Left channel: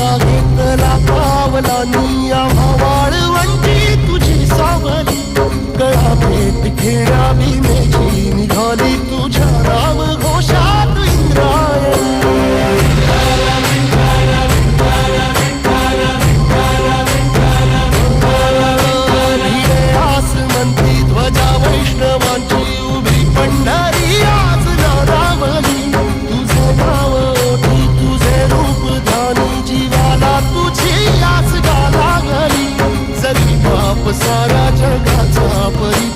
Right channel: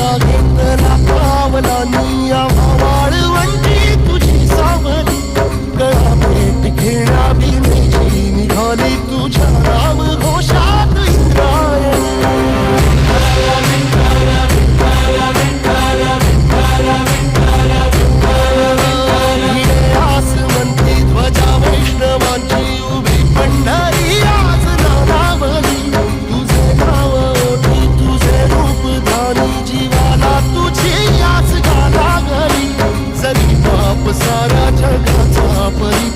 माझा घेतला पावलांनी वाळवंटी तुझी सावली गळा भेट घेण्या भीमेची निघाली तुझ्या राम घोषात इंद्रायणी भिडे आसमंती ध्वजा वैष्णवांची उभी पंढरी आज नारावली तुझे नाव ओठी तुझे रूप धानी जीवाला तुझी आस गा लागली जरी बाप साऱ्या जगाचा परी